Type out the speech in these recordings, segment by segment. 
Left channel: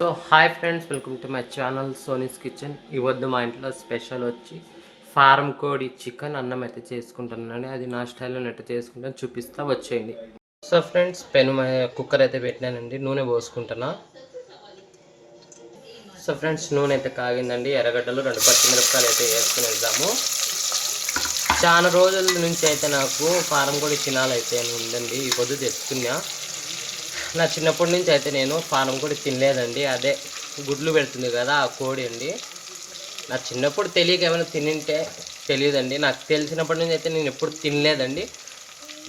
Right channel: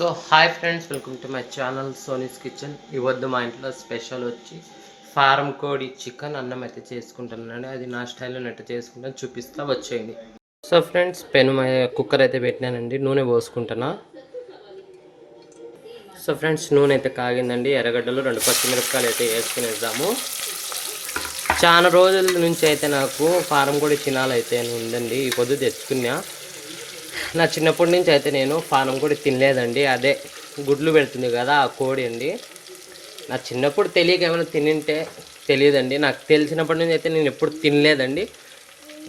So hi friends, welcome to my channel Soni's kitchen. ఇవద్దు మా ఇంట్లో స్పెషల్ వచ్చి ఫారం కోడి చికెన్ అన్నం అయితే చేసుకుంటున్నాను. అది నా స్టైల్లో నెట్ చేసుకుంటాను, చూపిస్తా వచ్చేయండి. సో ఫ్రెండ్స్, కుక్కర్ అయితే పెట్టినానండి, నూనె పోసుకుంటున్నా. సో ఫ్రెండ్స్, నూనె అయితే కాగిందండి. ఎర్రగడ్డలు 2 పచ్చిమిరపకాయలు అయితే వేసుకునేద్దాము. చాలా రోజుల నుంచి అయితే నాకు ఫారం కోడి తినాలైతే ఉందండి. ఈ పొద్దు తెచ్చుకున్నా. నా చిన్నప్పటి నుంచి అయితే నేను ఫారం కోడి తినలేదండి. అదే గుడ్లు పెడుతుంది కదా ఆ కోడి అండి. నా చిన్నప్పుడు తెలియక ఏమైనా తినింటే తెలియదండి. నాకు తెలిసినప్పటి నుంచి అయితే నేను ఎప్పుడు తినలేదండి.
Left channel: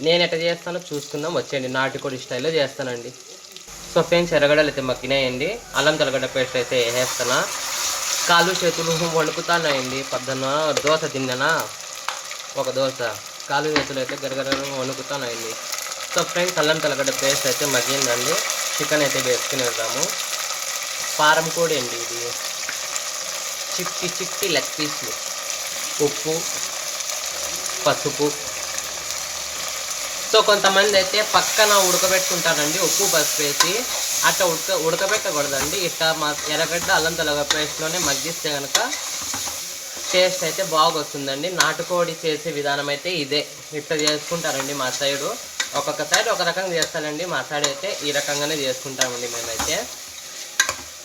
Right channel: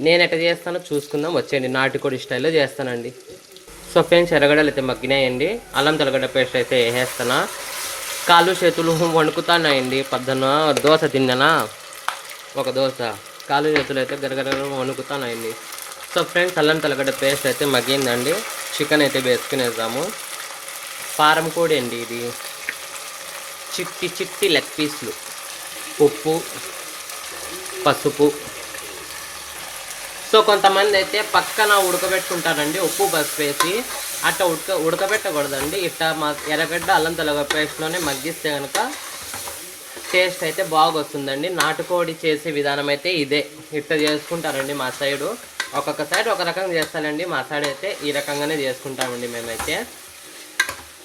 నేను ఎట్లా చేస్తానో చూసుకుందాం వచ్చేయండి. నాటుకోడి స్టైల్లో చేస్తానండి. సో ఫ్రెండ్స్, ఎర్రగడ్డలు అయితే మగ్గినాయండి. అల్లం తెల్లగడ్డ పేస్ట్ అయితే వేసేస్తాను. కాళ్ళు చేతులు వణుకుతున్నాయండి. పొద్దున్న దోశ తిన్నానా, ఒక దోశ, కాళ్ళు చేతులు అయితే గరగర వణుకుతున్నాయండి. సో ఫ్రెండ్స్, అల్లం తెల్లగడ్డ పేస్ట్ అయితే మగ్గిందండి. చికెన్ అయితే వేసుకునేద్దాము. ఫారం కోడి అండి ఇది. చిట్టి చిట్టి లెగ్ పీస్లు, ఉప్పు, పసుపు. సో కొంతమంది అయితే పక్కన ఉడకబెట్టుకుంటారండి, ఉప్పు పసుపు వేసి. అట్లా ఉడకబెట్టకూడదండి. ఇట్లా ఎర్రగడ్డ అల్లం తెల్లగడ్డ పేస్ట్లోనే మగ్గిస్తే కనుక టేస్ట్ అయితే బాగా వస్తుందండి. నాటుకోడి చేసే విధానం అయితే ఇదే, ఇట్లా చేసుకుంటారండి మా సైడు. ఒక్కొక్క సైడ్ ఒక రకంగా చేస్తానండి. మా సైడ్ అయితే ఈ రకంగానే చేసుకుంటామండి. మేమైతే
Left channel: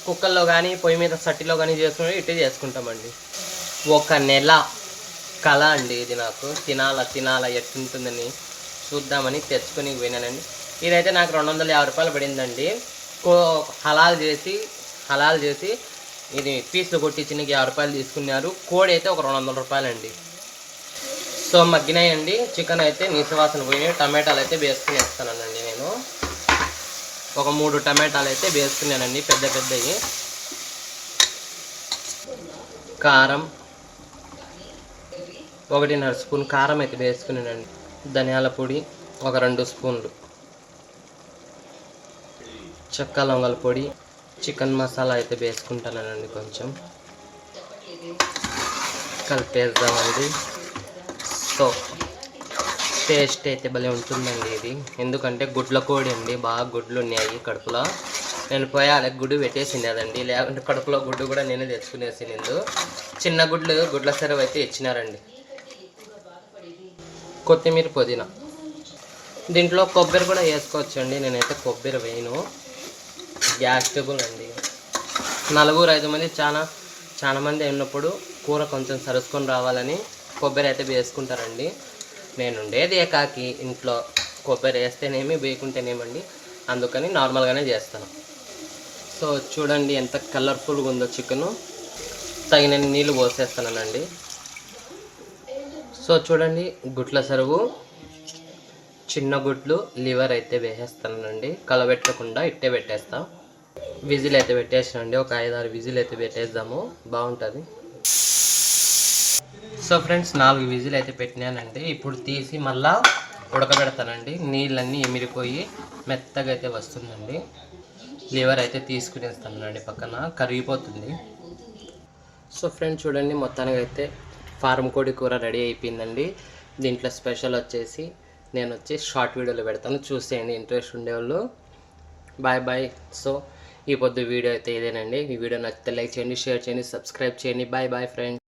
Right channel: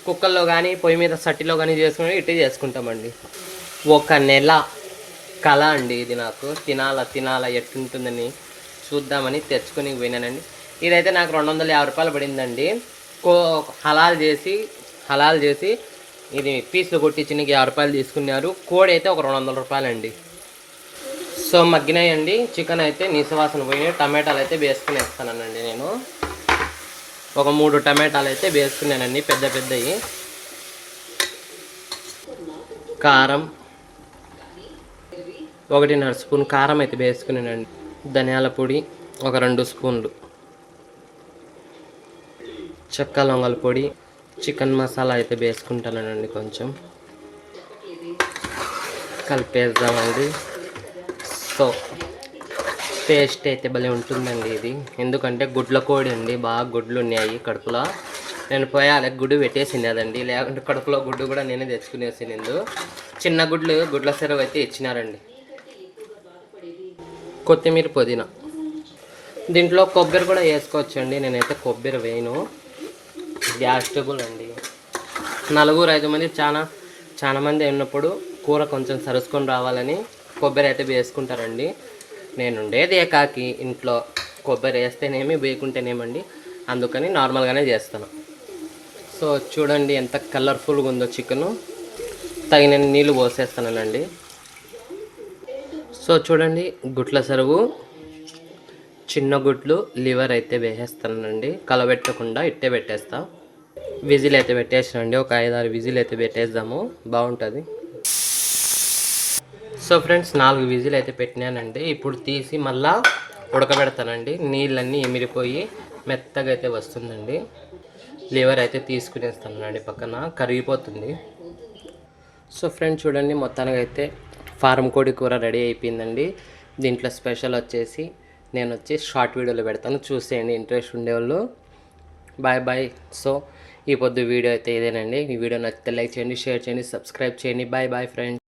కుక్కర్లో కానీ పొయ్యి మీద సట్టిలో కానీ చేసుకుని ఇట్టే చేసుకుంటామండి. ఒక నెల కళ అండి ఇది. నాకు తినాలా ఎట్లుంటుందని చూద్దామని తెచ్చుకొని పోయినానండి. ఇదైతే నాకు 250 రూపాయలు పడిందండి. హలాల్ చేసి ఇది పీసులు కొట్టించి 50 రూపాయలు తీసుకున్నారు. కోడి అయితే ఒక 200 రూపాయలు అండి. సో మగ్గినాయండి. చికెన్ అయితే నీసువాసన పోయినాయి. టమాటాలు అయితే వేసుకునేస్తానండి నేను. ఒక 3 టమాటాలు అయితే వేసుకున్నానండి, పెద్దవి. కారం 1.5 స్పూన్ కారం అయితే వేసుకున్నానండి. ధనియాల పొడి ఒక 2 స్పూన్లు, చెక్క లవంగాల పొడి, చికెన్ మసాలా అయితే వేసుకుంటానండి. కొంచెం కలిపేద్దామండి. సో టేస్ట్ అయితే భలే ఉంటుందండి ఇది. ఎందుకంటే గుడ్ల కోడి అండి, బాగా గుడ్లు ఉన్నాయి కడుపులో. నేను పోయాలి గుడ్డు పెట్టేసింది అదండి, లేకుంటే కడుపులో గుడ్డు కూడా నేనే తెచ్చుకునేసింది. చిన్న గుడ్ల సెరవు అయితే ఇచ్చినారండి. కొత్తిమీర, పుదీనా. దీంట్లో కొబ్బరి కూడా వేసుకోవచ్చండి. నేనైతే కొబ్బరి వేయను, గ్యాస్ ట్రబుల్ అండి. 4-5 మంది చాలా మంది ఉన్నప్పుడు కూర కొంచెం సరుసుకొని రావాలని కొబ్బరి అయితే వేసుకుంటారండి. నేను ఉండేది ఏకాకి ఇంట్లో. కొబ్బరి వేస్తేనేమి వేయకుంటేనేమండి, అందుకని నార్మల్గానే చేస్తాను. సో చూడండి ఎంత కలర్ఫుల్గా ఉందో చికెను. తగిన నీళ్ళు పోసేస్తానండి. సో చూడండి, గుట్ల సరువు, చిన్న గుడ్లు, లివర్ అయితే వేసేస్తానండి. కలబెట్టకుండా ఇట్టే పెట్టేస్తా. విజిల్ అయితే పెట్టేసానండి. ఒక 5-6 విజిల్ అయితే పెట్టేద్దాము, బాగుంటుంది. సో ఫ్రెండ్స్, 4 విజిల్ అయితే పెట్టినానండి. ఇప్పుడు తీసి మళ్ళా ఉడకబెడతానండి. నీళ్ళన్నీ ఎమిరిపోయి మెత్తగా అయితే వస్తుందండి. లివర్ అయితే తీసుకునేస్తానండి, పక్కన కరిగిపోతుంది. సో ఫ్రెండ్స్ చూడండి, మొత్తానికి అయితే ఫారం కోడి కూర రెడీ అయిపోయిందండి. దీంట్లో స్పెషల్ వచ్చేసి నేను షార్ట్ వీడియోలో పెడతాను, చూసేయండి ఇంట్రెస్ట్ ఉండేవాళ్ళు. బాయ్. సో ఈ పొద్దు వీడియో అయితే ఇదేనండి. ఈ వీడియో నచ్చితే లైక్ చేయండి, షేర్ చేయండి, సబ్స్క్రైబ్ చేయండి. Bye friends.